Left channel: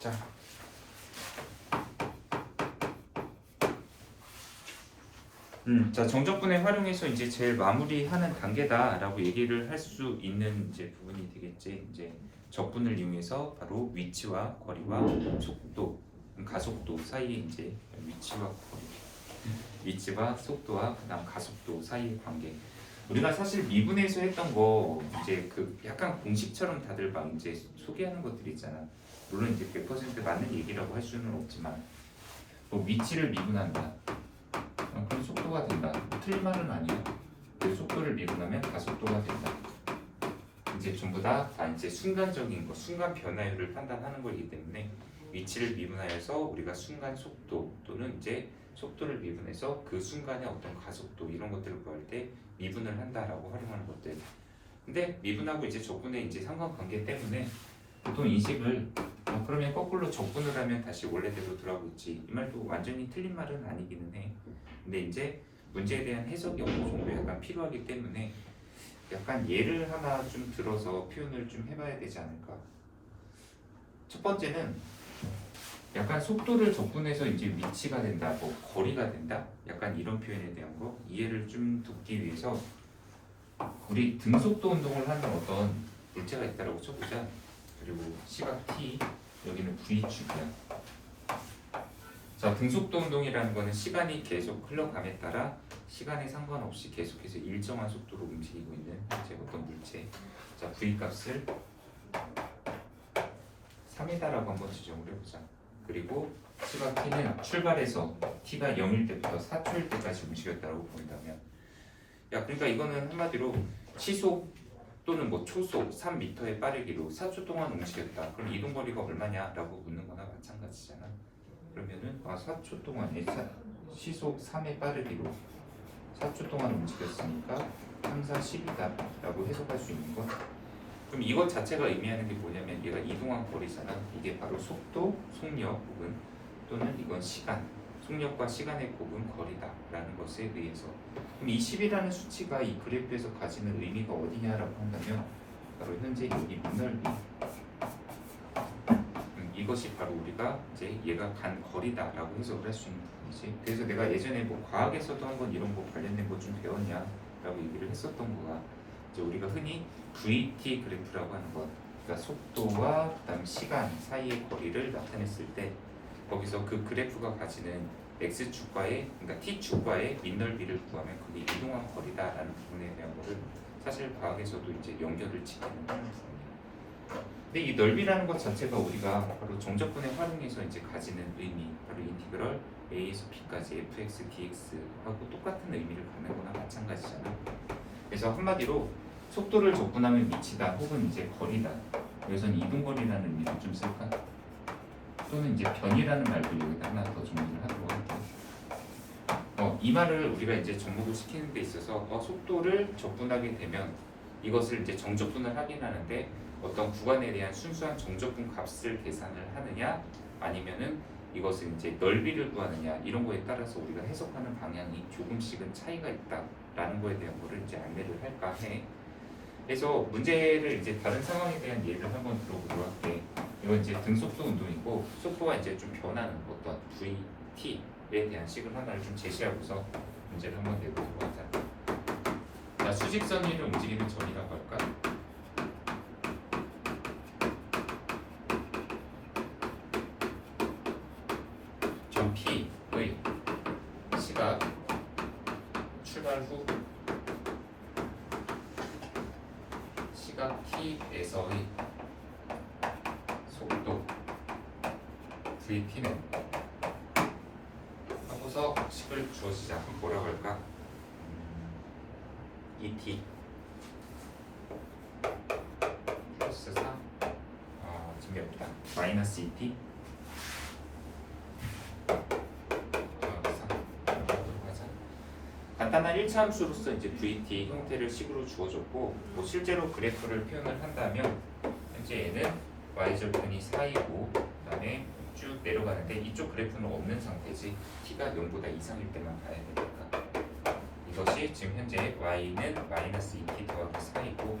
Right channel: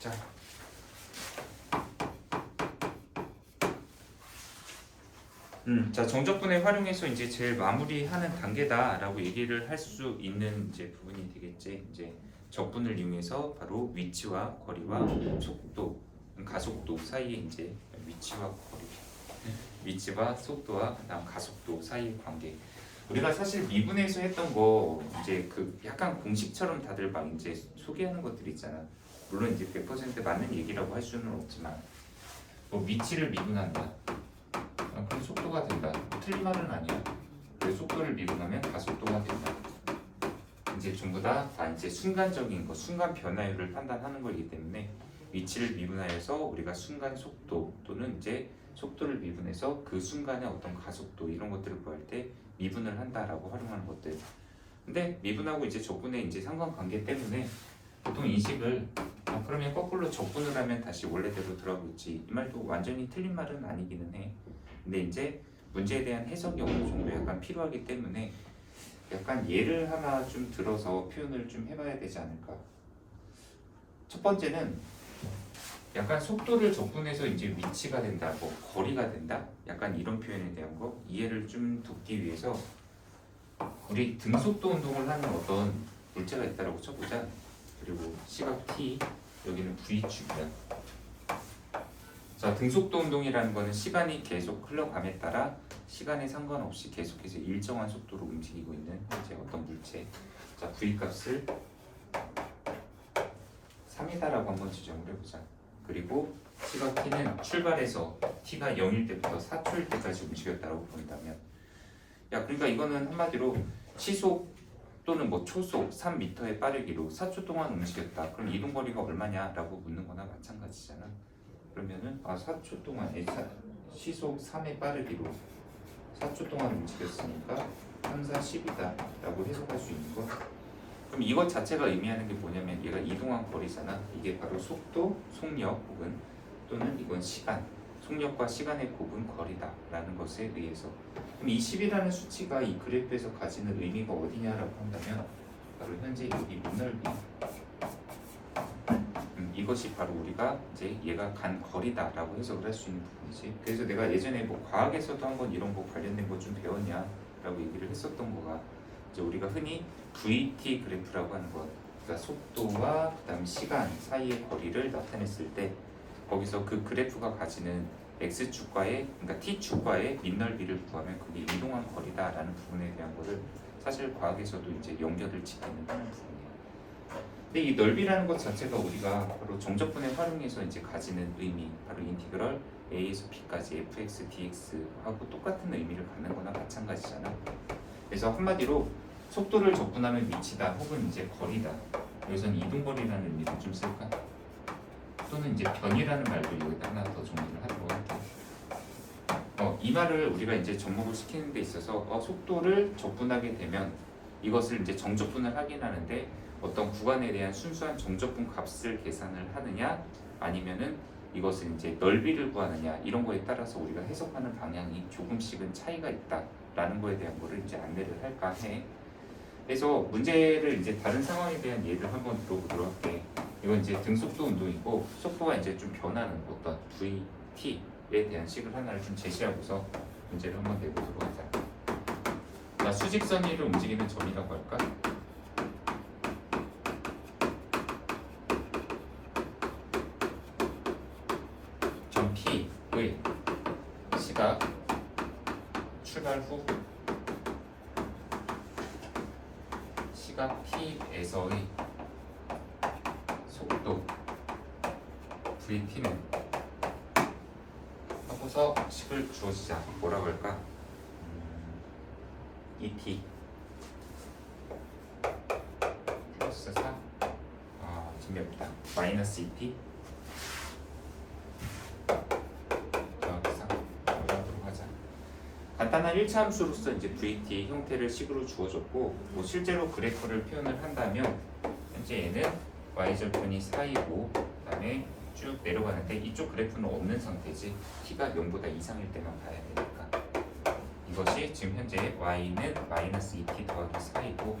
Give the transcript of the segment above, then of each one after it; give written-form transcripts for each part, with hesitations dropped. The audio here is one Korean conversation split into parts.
자, 자 정적분해 활용해서 이제 제일 마무리하는 단계다라고 얘기를 할 수 있는 이제 부분이 되겠지. 이제 적분을 이용해서 바로 위치와 거리와 속도, 가속도 사이에 이제 위치와 거리, 위치와 속도와 그다음 가속도 사이의 관계. 우리가 사실 미분에서 했던 거 이제 그 약간 공식처럼 다들 막 이제 소개하는 것들이 있잖아. 물론 이제 100% 맞는 얘기라고 할 수는 없지만 뭐 위치를 미분한다. 그럼 속도가 된다. 틀린 말은 아니야. 그 속도를 미분하면 가속도가 된다. 이제 전부 다 이제 순간적인 거, 순간 변화율을 판단하는 거이기 때문에 위치를 미분하여서 우리가 순간 속도 또는 이제 속도를 미분해서 그 순간의 어떤 가속도 이런 것들을 구할 때 미분을 한다라고 활용하는 것들. 근데 미분하고 이제 적분의 이제 상관관계 때문에 보통 인식을 그러면 거꾸로 적분을 하면 다시 원래대로 돌아오고 있지. 이 말도 완전히 틀린 말은 아니기는 해. 근데 이제 문제에 대한 해석이 어느 정도 약간 필요하기 때문에 약간 예를 하나 좀 들어서 표현을 좀 해봐야 되지 않을까. 첫 번째는 약간 속도를 적분해서 이제 위치가 된다, 뭐 거리가 된다, 약간 이런 표현에 대한 거 이해를 좀 돕기 위해서 우리 등속도 운동을 하는 어떤 물체가 있다라고 쳐보자. 그리고 시각 t, 여기는 v축이야. 자, 등속도 운동이라는 거는 시간이 계속 흘러감에 따라 시간에 상관없이 계속해서 일정한 속도로 움직이고 있는 이제 어떤 물체. 자, v 값을 3이다라고 한번 지정을 해보자. 그리고 시각 t는 출발해서 t가 0일 때부터 4초일 때까지 움직였다고 본다면, 야, 그러니까 이거는 한마디로 시속 또는 뭐 초속 3m의 빠르기로 4초 동안 움직였다. 그럼 이동 거리가 얼마냐라고 묻는 거나 마찬가지잖아. 그러면은 4초 동안 시속 3의 빠르기로 4초 동안 움직였으니까 3, 4, 10이다 라고 해석할 수 있는 거. 그럼 이것 자체가 의미하는 게 뭐냐면 얘가 이동한 거리잖아. 이게 바로 속도, 속력 혹은 또는 이건 시간, 속력과 시간의 곱은 거리다 라는 것에 의해서. 그럼 이 10이라는 수치가 이 그래프에서 가지는 의미가 어디냐라고 한다면 바로 현재 여기 민넓이, 이것이 바로 우리가 이제 얘가 간 거리다라고 해석을 할 수 있는 부분이지. 그래서 내가 예전에 뭐 과학에서도 한번 이런 거 관련된 거 좀 배웠냐라고 얘기를 했었던 거가 이제 우리가 흔히 VT 그래프라고 하는 것, 그러니까 속도와 그다음 시간 사이의 거리를 나타냈을 때 거기서 그 그래프가 가지는 x축과의, 그러니까 t축과의 민넓이를 구하면 그게 이동한 거리다라는 부분에 대한 거를 사실 과학에서도 이제 연결을 짓기는 하는 부분이에요. 근데 이 넓이라는 것 자체가 우리가 바로 정적분에 활용해서 이제 가지는 의미, 바로 인티그럴 a에서 b까지 fx dx하고 똑같은 의미를 갖는 거나 마찬가지잖아. 그래서 한마디로 속도를 적분하면 위치다 혹은 이제 거리다. 여기서는 이동거리라는 의미를 좀 쓸까? 또는 이제 변이라는 말도 여기다 하나 더 정리를 하도록 할게. 이 말을 우리가 이제 접목을 시키는 데 있어서 속도를 적분하게 되면 이것을 이제 정적분을 하긴 하는데 어떤 구간에 대한 순수한 정적분 값을 계산을 하느냐 아니면은 이것을 이제 넓이를 구하느냐 이런 거에 따라서 우리가 해석하는 방향이 조금씩은 차이가 있다라는 거에 대한 거를 이제 안내를 할까 해. 그래서 문제를 이제 다른 상황에 대한 예를 한번 들어보도록 할게. 이건 이제 등속도 운동이고 속도가 이제 좀 변하는 어떤 VT에 대한 식을 하나를 좀 제시하고서 문제를 한번 내보도록 하자. 자, 수직선 위를 움직이는 점이라고 할까? 점 P의 시각 출발 후 시각 T에서의 속도 VT는 하고서 식을 주어지자. 뭐라고 할까? ET 플러스 4 징그럽다. 마이너스 ET 간단한 1차 함수로서 이제 VT 형태를 식으로 주어졌고, 뭐 실제로 그래프를 표현을 한다면 현재 얘는 y절편이 4이고 그다음에 쭉 내려가는데 이쪽 그래프는 없는 상태지. t가 0보다 이상일 때만 봐야 되니까 이것이 지금 현재 y는 마이너스 2t 더하기 4이고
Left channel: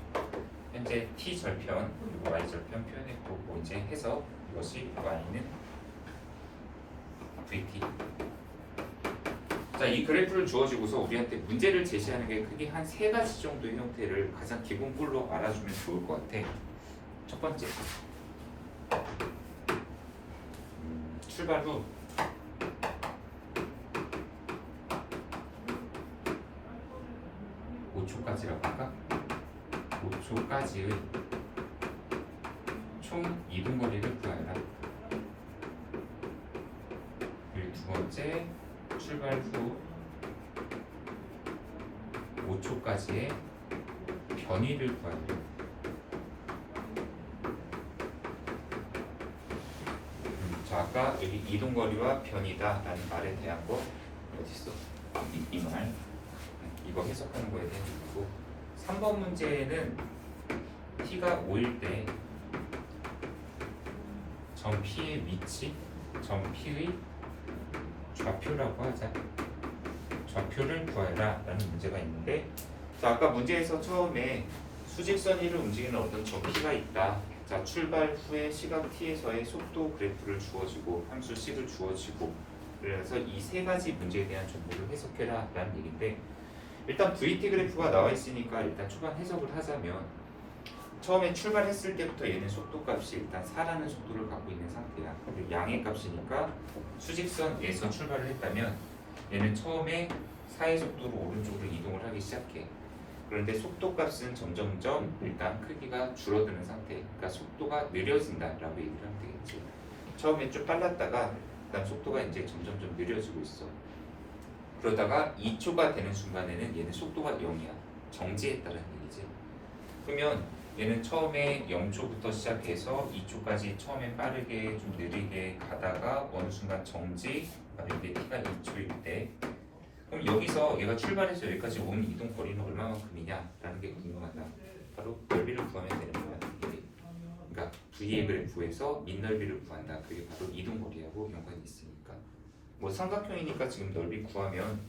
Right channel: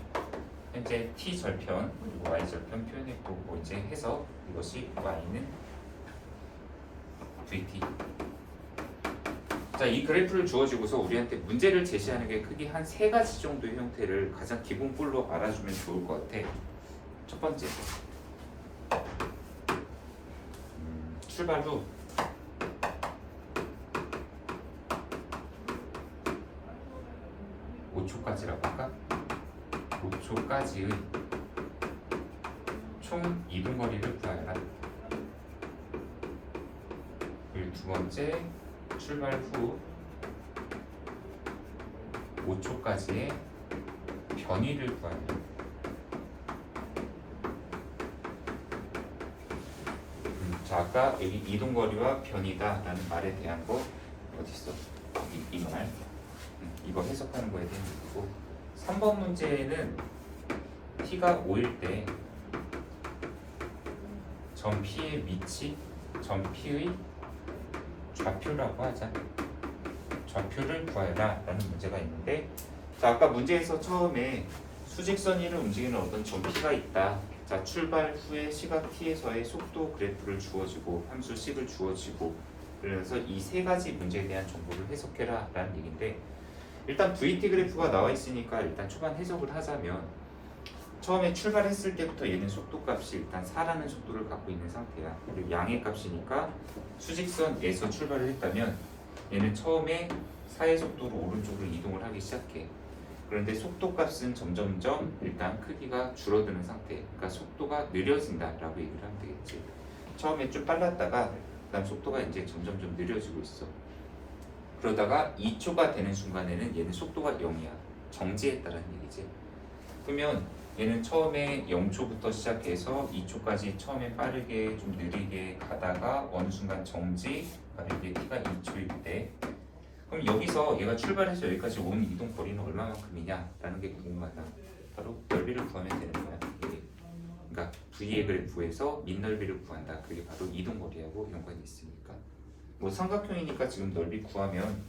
현재 t절편 그리고 y절편 표현했고 뭐 이제 해서 이것이 y는 vt. 자, 이 그래프를 주어지고서 우리한테 문제를 제시하는 게 크게 한 세 가지 정도의 형태를 가장 기본꼴로 알아주면 좋을 것 같아. 첫 번째, 출발 후 (5초까지라고) 할까? 5초까지의 총 이동거리를 구하라. 그리고 두 번째, 출발 후 5초까지의 변위를 구하라. 자, 아까 여기 이동거리와 변이다라는 말에 대한 거 어디 있어? 이 말. 이거 해석하는 거에 대한 얘기고, 3번 문제는 t가 5일 때 점 P의 위치, 점 P의 좌표라고 하자. 좌표를 구하라 라는 문제가 있는데, 자, 아까 문제에서 처음에 수직선 위를 움직이는 어떤 점 P가 있다. 자, 출발 후에 시간 t에서의 속도 그래프를 주어지고 함수 c를 주어지고, 그래서 이 세 가지 문제에 대한 정보를 해석해라 라는 얘기인데, 일단 VT 그래프가 나와 있으니까 일단 초반 해석을 하자면, 처음에 출발했을 때부터 얘는 속도값이 일단 4라는 속도를 갖고 있는 상태야. 그리고 양의 값이니까 수직선에서 출발을 했다면 얘는 처음에 4의 속도로 오른쪽으로 이동을 하기 시작해. 그런데 속도값은 점점점 일단 크기가 줄어드는 상태. 그러니까 속도가 느려진다라고 얘기를 하면 되겠지. 처음에 좀 빨랐다가 그다음 속도가 이제 점점점 느려지고 있어. 그러다가 2초가 되는 순간에는 얘는 속도가 0이야. 정지했다는 얘기지. 그러면 얘는 처음에 0초부터 시작해서 2초까지 처음에 빠르게 좀 느리게 가다가 어느 순간 정지, 이게 t가 2초일 때, 그럼 여기서 얘가 출발해서 여기까지 온 이동 거리는 얼마만큼이냐 라는 게 궁금하다. 바로 넓이를 구하면 되는 거야. 그러니까 V의 그래프에서 민넓이를 구한다. 그게 바로 이동 거리하고 연관이 있으니까. 뭐 삼각형이니까 지금 넓이 구하면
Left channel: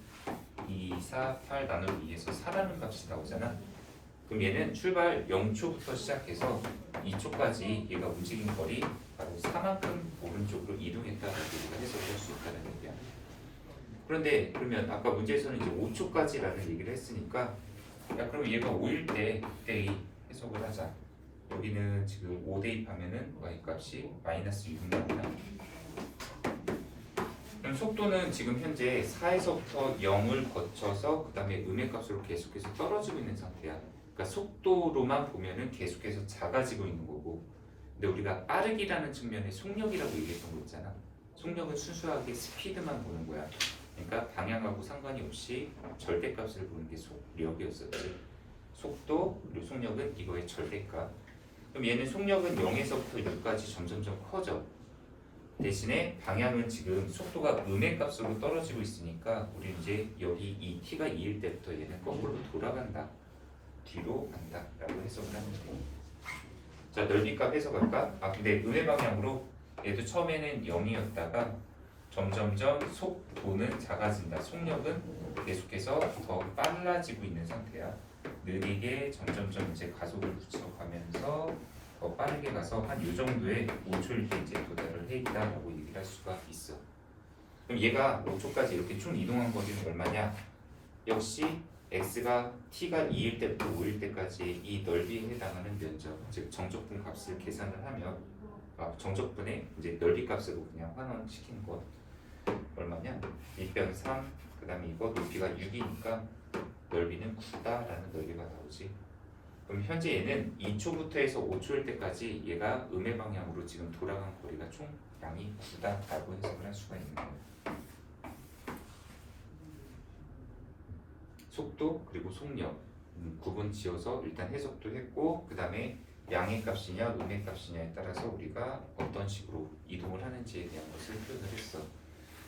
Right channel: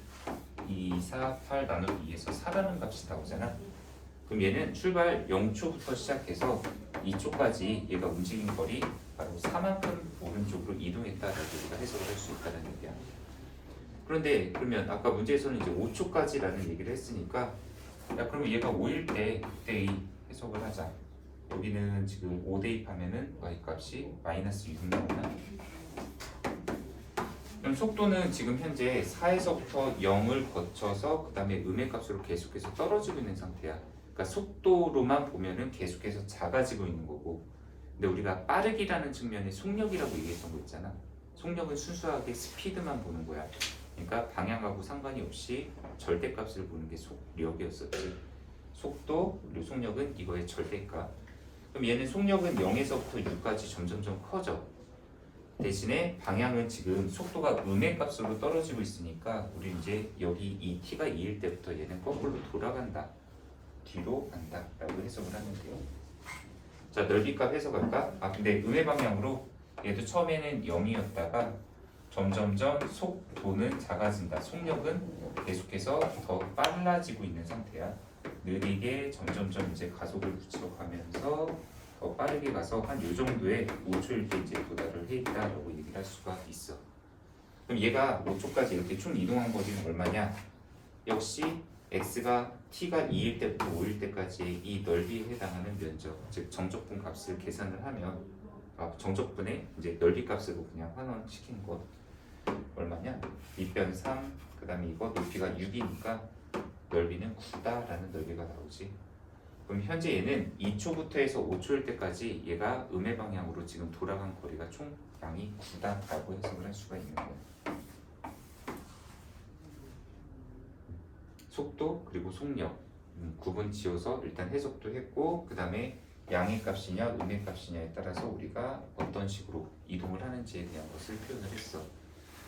2, 4, 8 나누기 2에서 4라는 값이 나오잖아. 그럼 얘는 출발 0초부터 시작해서 2초까지 얘가 움직이는 거리 바로 4만큼 오른쪽으로 이동했다고 우리가 해석을 할 수 있다는 얘기야. 그런데 그러면 아까 문제에서는 이제 5초까지라는 얘기를 했으니까, 야, 그럼 얘가 5일 때 그때 해석을 하자. 여기는 지금 5 대입하면은 y값이 -6 나오나? 그럼 속도는 지금 현재 4에서부터 0을 거쳐서 그 다음에 음의 값으로 계속해서 떨어지고 있는 상태야. 그러니까 속도로만 보면은 계속해서 작아지고 있는 거고, 근데 우리가 빠르기라는 측면에 속력이라고 얘기했던 거 있잖아. 속력은 순수하게 스피드만 보는 거야. 그러니까 방향하고 상관이 없이 절대값을 보는 게 속력이었었지. 속도 그리고 속력은 이거의 절대값. 그럼 얘는 속력은 0에서부터 6까지 점점점 커져. 대신에 방향은 지금 속도가 음의 값으로 떨어지고 있으니까 우리 이제 여기 이 t가 2일 때부터 얘는 거꾸로 돌아간다. 뒤로 간다 라고 해석을 하면 돼요. 자, 넓이값 해석할까? 근데 음의 방향으로 얘도 처음에는 0이었다가 점점점 속도는 작아진다. 속력은 계속해서 더 빨라지고 있는 상태야. 느리게 점점점 이제 가속을 붙여가면서 더 빠르게 가서 한 요 정도의 5초일 때 이제 도달을 해 있다라고 얘기를 할 수가 있어. 그럼 얘가 5초까지 이렇게 총 이동한 거리는 얼마냐? 역시 x가 t가 2일 때부터 5일 때까지 이 넓이에 해당하는 면적, 즉 정적분 값을 계산을 하면, 정적분의 이제 넓이 값으로 그냥 환원시킨 것 얼마냐? 2변 3, 그 다음에 이거 높이가 6이니까 넓이는 9다라는 넓이가 나오지. 그럼 현재 얘는 2초부터 해서 5초일 때까지 얘가 음의 방향으로 지금 돌아간 거리가 총 양이 9다라고 해석을 할 수가 있는 거예요. 속도 그리고 속력 구분 지어서 일단 해석도 했고, 그 다음에 양의 값이냐 음의 값이냐에 따라서 우리가 어떤 식으로 이동을 하는지에 대한 것을 표현을 했어.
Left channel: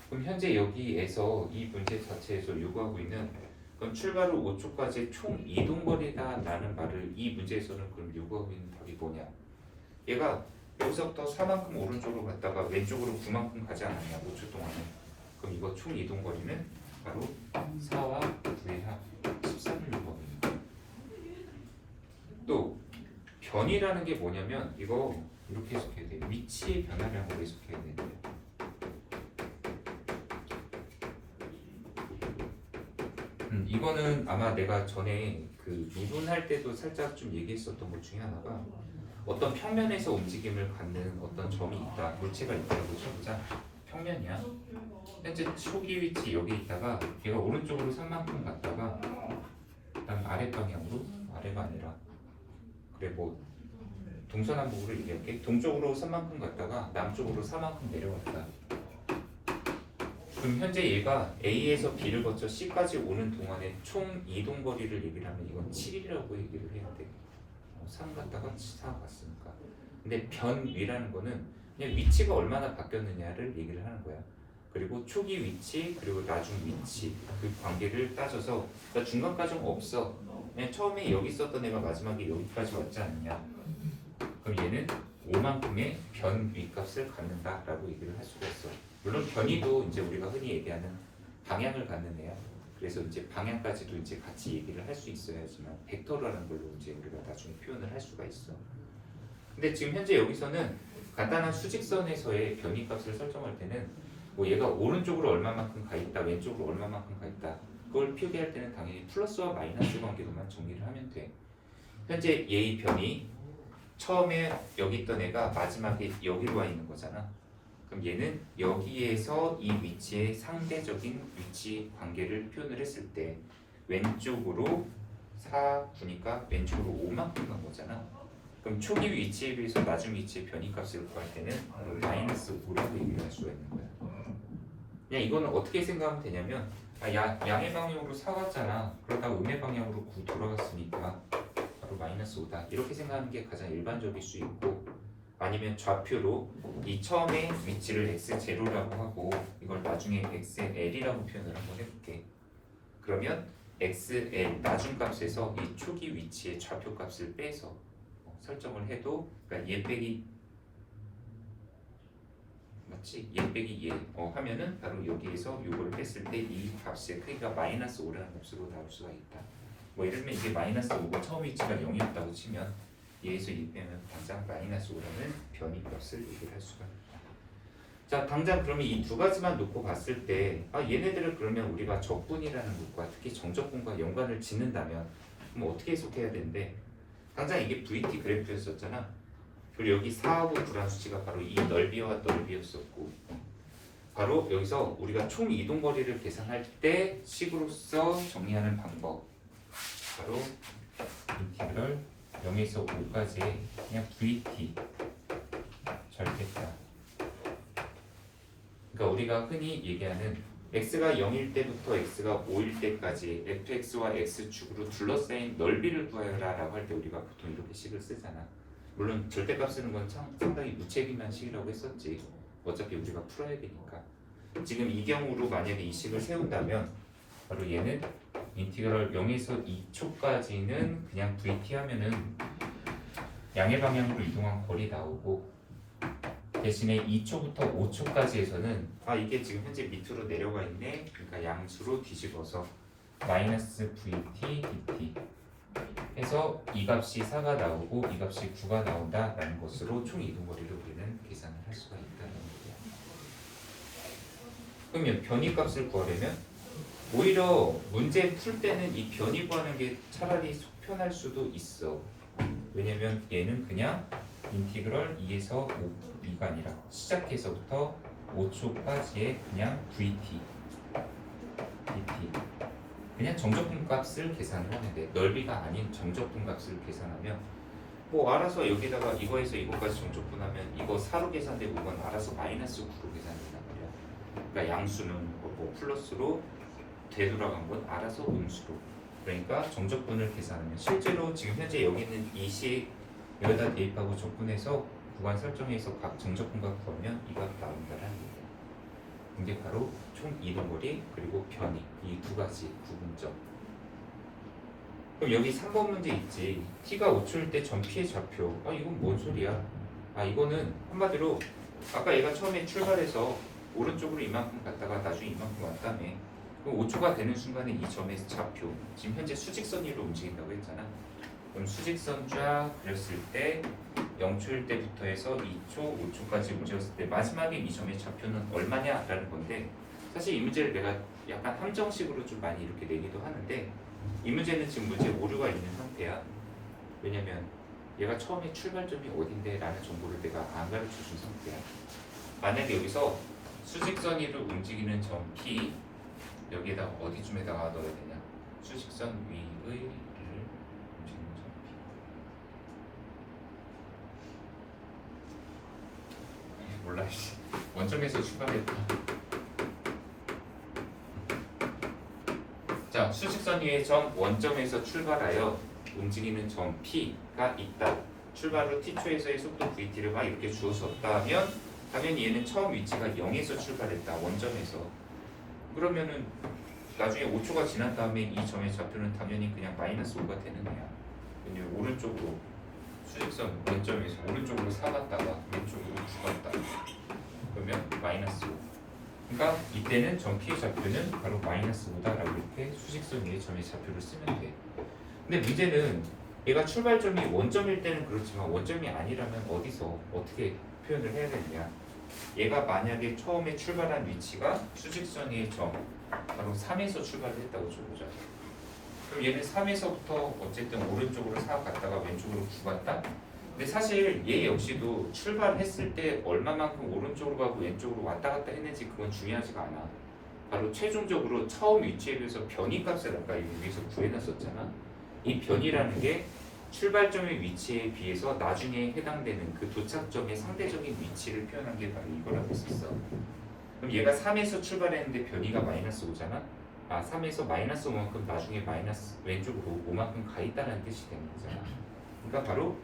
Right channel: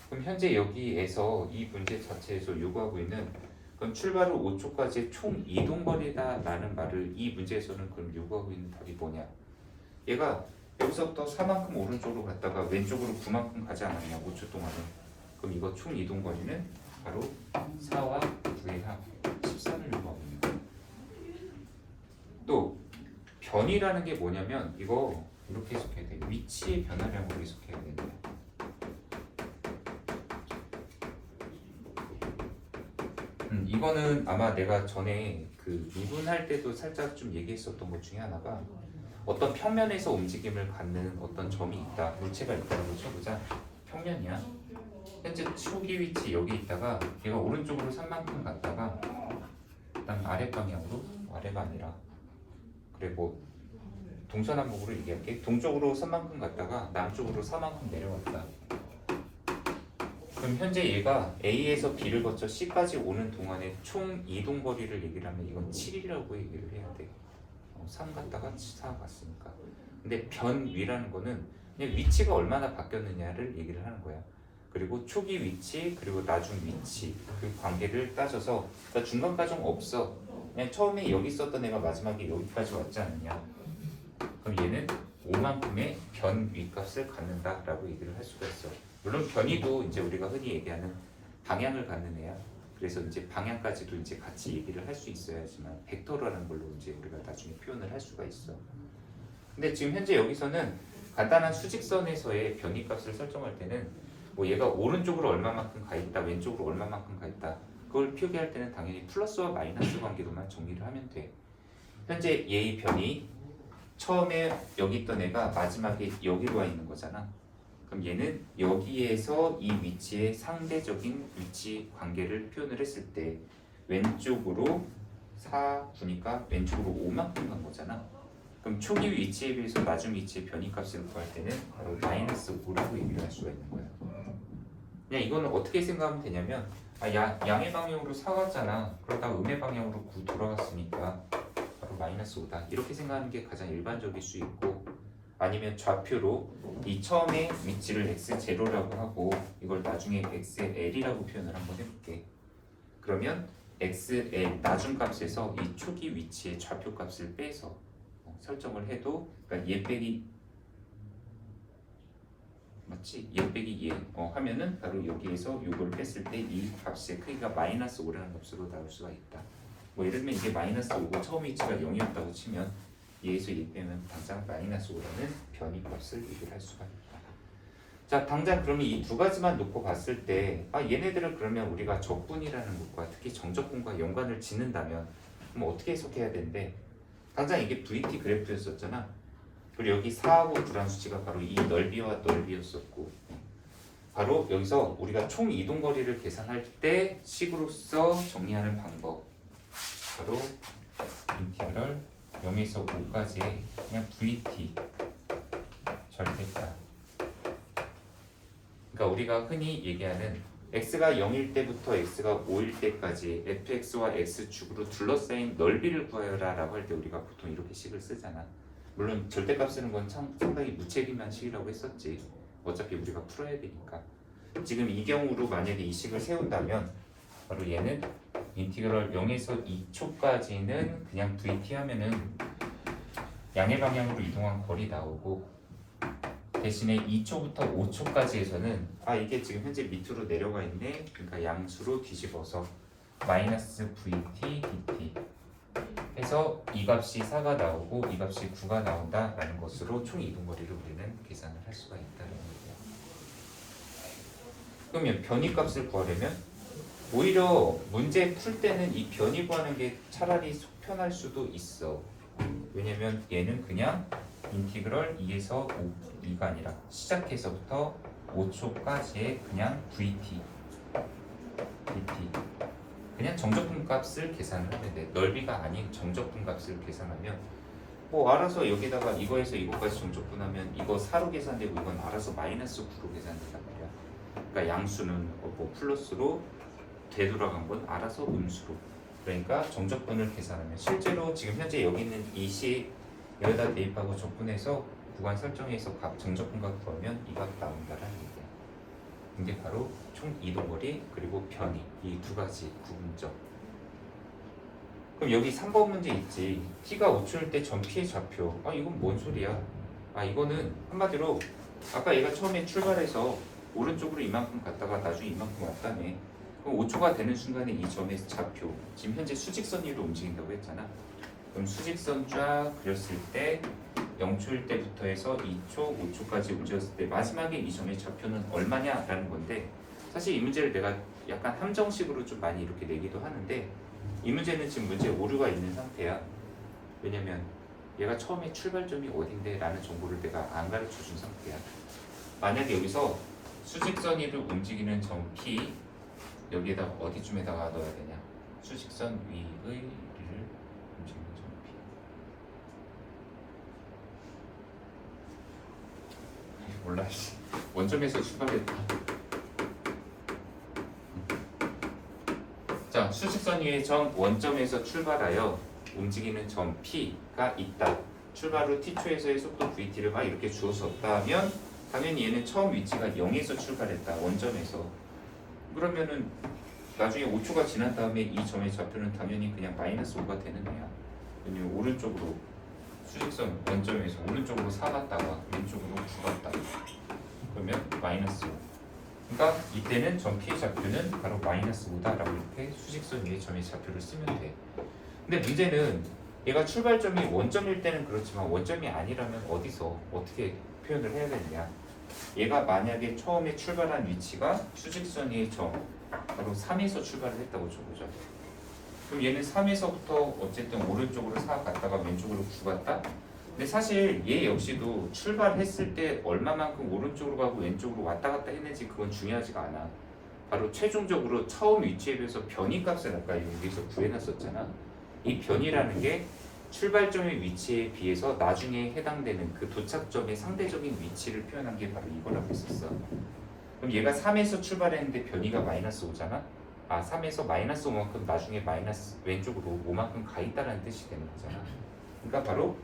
그럼 현재 여기에서 이 문제 자체에서 요구하고 있는 건 출발 후 5초까지의 총 이동거리다 라는 말을 이 문제에서는 그럼 요구하고 있는 답이 뭐냐? 얘가 여기서부터 4만큼 오른쪽으로 갔다가 왼쪽으로 9만큼 가지 않았냐 5초 동안에. 그럼 이거 총 이동거리는 바로 4와 9의 합 13을 요구하고 있는 거예요. 또 변이라는 게 뭐냐면 이거 이렇게 해석해야 돼. 위치의 변화량으로 해석해야 되는데. 이거는 아마 내가 전에 그 미분할 때도 살짝 좀 얘기했었던 것 중에 하나가 어떤 평면에서 움직임을 갖는 어떤 점이 있다. 물체가 있다고 쳐보자. 평면이야. 현재 초기 위치 여기 있다가 얘가 오른쪽으로 산만큼 갔다가 그다음 아래 방향으로 아래가 아니라 그래 뭐 동서남북으로 얘기할게. 동쪽으로 산만큼 갔다가 남쪽으로 사만큼 내려왔다. 그럼 현재 얘가 A에서 B를 거쳐 C까지 오는 동안에 총 이동 거리를 얘기를 하면 이건 7이라고 얘기를 해야 돼. 3 갔다가 4 갔으니까. 근데 변위라는 거는 그냥 위치가 얼마나 바뀌었느냐를 얘기를 하는 거야. 그리고 초기 위치 그리고 나중 위치 그 관계를 따져서 그러니까 중간 과정 없어. 그냥 처음에 여기 있었던 애가 마지막에 여기까지 왔지 않느냐. 그럼 얘는 5만큼의 변위 값을 갖는다라고 얘기를 할 수가 있어. 물론 변위도 이제 우리가 흔히 얘기하는 방향을 갖는 애야. 그래서 이제 방향까지도 이제 같이 얘기를 할 수 있어야지만 벡터라는 걸로 이제 우리가 나중에 표현을 할 수가 있어. 근데 지금 현재 여기서는 간단한 수직선에서의 변위 값을 설정할 때는 뭐 얘가 오른쪽으로 얼마만큼 가 있다, 왼쪽으로 얼마만큼 가 있다. 그걸 표기할 때는 당연히 플러스와 마이너스 관계로만 정리를 하면 돼. 현재 얘의 변이 처음에 여기 있던 애가 마지막에 여기로 와 있는 거잖아. 그럼 얘는 여기에서 이 위치의 상대적인 위치 관계를 표현을 했을 때 왼쪽으로 4, 9니까 왼쪽으로 5만큼 간 거잖아. 그럼 초기 위치에 비해서 나중 위치의 변이값을 구할 때는 마이너스 5라고 얘기할 수가 있는 거야. 그냥 이거는 어떻게 생각하면 되냐면 양의 방향으로 4 갔잖아. 그러다 음의 방향으로 9 돌아갔으니까 바로 마이너스 5다. 이렇게 생각하는 게 가장 일반적일 수 있고 아니면 좌표로 이 처음에 위치를 x0라고 하고 이걸 나중에 xl이라고 표현을 한번 해볼게. 그러면 xl 나중 값에서 이 초기 위치의 좌표 값을 빼서 설정을 해도 그러니까 얘 빼기 맞지? 얘 빼기 얘 하면은 바로 여기에서 이걸 뺐을 때 이 값의 크기가 마이너스 5라는 값으로 나올 수가 있다. 뭐 예를 들면 이게 마이너스 5고 처음 위치가 0이었다고 치면 얘에서 얘 빼면 당장 마이너스 5라는 변이 값을 얘기를 할 수가 있다. 자, 당장 그러면 이 두 가지만 놓고 봤을 때 얘네들을 그러면 우리가 적분이라는 것과 특히 정적분과 연관을 짓는다면 그럼 어떻게 해석해야 되는데 당장 이게 VT 그래프였었잖아. 그리고 여기 4하고 9란 수치가 바로 이 넓이와 넓이였었고 바로 여기서 우리가 총 이동 거리를 계산할 때 식으로서 정리하는 방법 바로 인티그럴 0에서 5까지 그냥 VT 절대값. 그러니까 우리가 흔히 얘기하는 x가 0일 때부터 x가 5일 때까지 fx와 x축으로 둘러싸인 넓이를 구하여라 라고 할 때 우리가 보통 이렇게 식을 쓰잖아. 물론 절대값 쓰는 건 상당히 무책임한 식이라고 했었지. 어차피 우리가 풀어야 되니까. 지금 이 경우로 만약에 이 식을 세운다면 바로 얘는 인티그럴 0에서 2초까지는 그냥 VT 하면은 양의 방향으로 이동한 거리 나오고 대신에 2초부터 5초까지에서는 이게 지금 현재 밑으로 내려가 있네. 그러니까 양수로 뒤집어서 마이너스 VT dt 해서 이 값이 4가 나오고 이 값이 9가 나온다라는 것으로 총 이동 거리를 우리는 계산을 할 수가 있다는 얘기야. 그러면 변이 값을 구하려면 오히려 문제 풀 때는 이 변이 구하는 게 차라리 속 편할 수도 있어. 왜냐면 얘는 그냥 인티그럴 2에서 2가 아니라 시작해서부터 5초까지의 그냥 VT 그냥 정적분 값을 계산을 하는데 넓이가 아닌 정적분 값을 계산하면 뭐 알아서 여기다가 이거에서 이거까지 정적분하면 이거 4로 계산되고 이건 알아서 마이너스 9로 계산된단 말이야. 그러니까 양수는 뭐 플러스로 되돌아간 건 알아서 음수로. 그러니까 정적분을 계산하면 실제로 지금 현재 여기 있는 이 식 여기다 대입하고 적분해서 구간 설정해서 각 정적분각 구하면 이 값 나온다라는 얘기야. 이게 바로 총 이동거리 그리고 변이 이 두 가지 구분점. 그럼 여기 3번 문제 있지. t가 5초일 때 전 t의 좌표. 이건 뭔 소리야? 이거는 한마디로 아까 얘가 처음에 출발해서 오른쪽으로 이만큼 갔다가 나중에 이만큼 왔다네. 그럼 5초가 되는 순간에 이 점의 좌표 지금 현재 수직선 위로 움직인다고 했잖아. 그럼 수직선 쫙 그렸을 때 0초일 때부터 해서 2초, 5초까지 움직였을 때 마지막에 이 점의 좌표는 얼마냐라는 건데 사실 이 문제를 내가 약간 함정식으로 좀 많이 이렇게 내기도 하는데 이 문제는 지금 문제 오류가 있는 상태야. 왜냐면 얘가 처음에 출발점이 어딘데 라는 정보를 내가 안 가르쳐 준 상태야. 만약에 여기서 수직선 위를 움직이는 점 P 여기에다가 어디쯤에다가 넣어야 되냐? 수직선 위의 위를 움직이는 점 P. 몰라. 원점에서 출발했다. 자, 수직선 위의 점 원점에서 출발하여 움직이는 점 P가 있다. 출발 후 t초에서의 속도 vt를 막 이렇게 주어졌다면 당연히 얘는 처음 위치가 0에서 출발했다. 원점에서. 그러면은 나중에 5초가 지난 다음에 이 점의 좌표는 당연히 그냥 마이너스 5가 되는 거야. 왜냐면 오른쪽으로 수직선 원점에서 오른쪽으로 4 갔다가 왼쪽으로 9 갔다. 그러면 마이너스 5. 그러니까 이때는 점 P 좌표는 바로 마이너스 5다라고 이렇게 수직선 위의 점의 좌표를 쓰면 돼. 근데 문제는 얘가 출발점이 원점일 때는 그렇지만 원점이 아니라면 어디서 어떻게 표현을 해야 되느냐. 얘가 만약에 처음에 출발한 위치가 수직선 위의 점 바로 3에서 출발을 했다고 쳐보자. 그럼 얘는 3에서부터 어쨌든 오른쪽으로 4 갔다가 왼쪽으로 9 갔다? 근데 사실 얘 역시도 출발했을 때 얼마만큼 오른쪽으로 가고 왼쪽으로 왔다 갔다 했는지 그건 중요하지가 않아. 바로 최종적으로 처음 위치에 비해서 변이 값을 아까 여기서 구해놨었잖아. 이 변이라는 게 출발점의 위치에 비해서 나중에 해당되는 그 도착점의 상대적인 위치를 표현한 게 바로 이거라고 했었어. 그럼 얘가 3에서 출발했는데 변이가 마이너스 5잖아? 3에서 마이너스 5만큼 나중에 마이너스 왼쪽으로 5만큼 가 있다는 뜻이 되는 거잖아. 그러니까 바로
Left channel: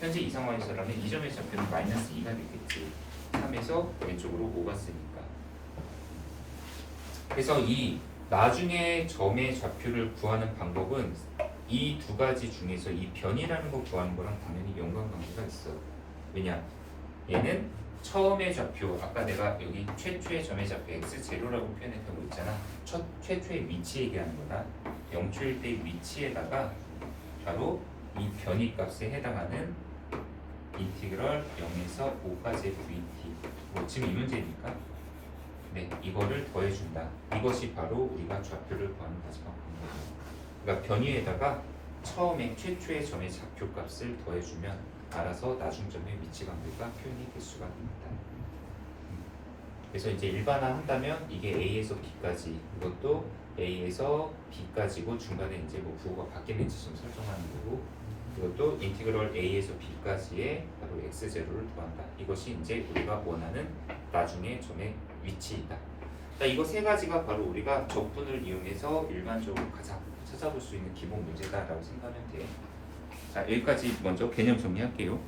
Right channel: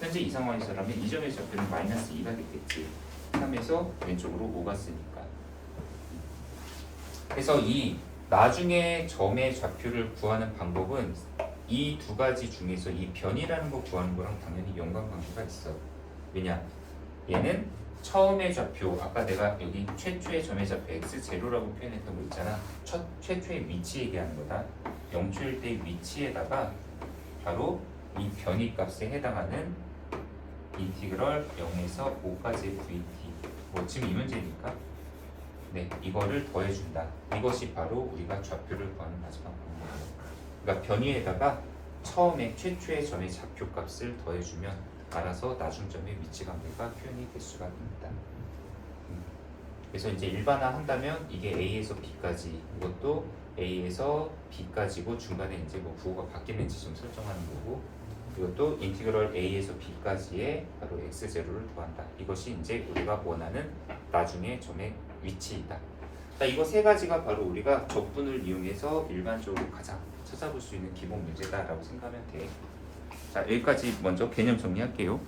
현재 이 상황에서라면 이 점의 좌표는 마이너스 2가 되겠지. 3에서 왼쪽으로 5가 쓰니까. 그래서 이 나중에 점의 좌표를 구하는 방법은 이 두 가지 중에서 이 변이라는 거 구하는 거랑 당연히 연관관계가 있어. 왜냐? 얘는 처음의 좌표, 아까 내가 여기 최초의 점의 좌표 x0라고 표현했던 거 있잖아. 최초의 위치 얘기하는 거다. 0초일 때의 위치에다가 바로 이 변이 값에 해당하는 인티그럴 0에서 5까지의 vt. 뭐 지금 이 문제니까. 네, 이거를 더해준다. 이것이 바로 우리가 좌표를 구하는 마지막 방법이에요. 그러니까 변이에다가 처음에 최초의 점의 좌표값을 더해주면 알아서 나중점의 위치관계가 표현이 될 수가 있습니다. 그래서 이제 일반화한다면 이게 A에서 B까지, 이것도 A에서 B까지고 중간에 이제 뭐 부호가 바뀌는지 좀 설정하는 거고, 이것도 인티그럴 A에서 B까지의 바로 x0를 구한다. 이것이 이제 우리가 원하는 나중에 점의 위치이다. 그러니까 이거 세 가지가 바로 우리가 적분을 이용해서 일반적으로 가장 찾아볼 수 있는 기본 문제다라고 생각하면 돼. 자, 여기까지 먼저 개념 정리할게요.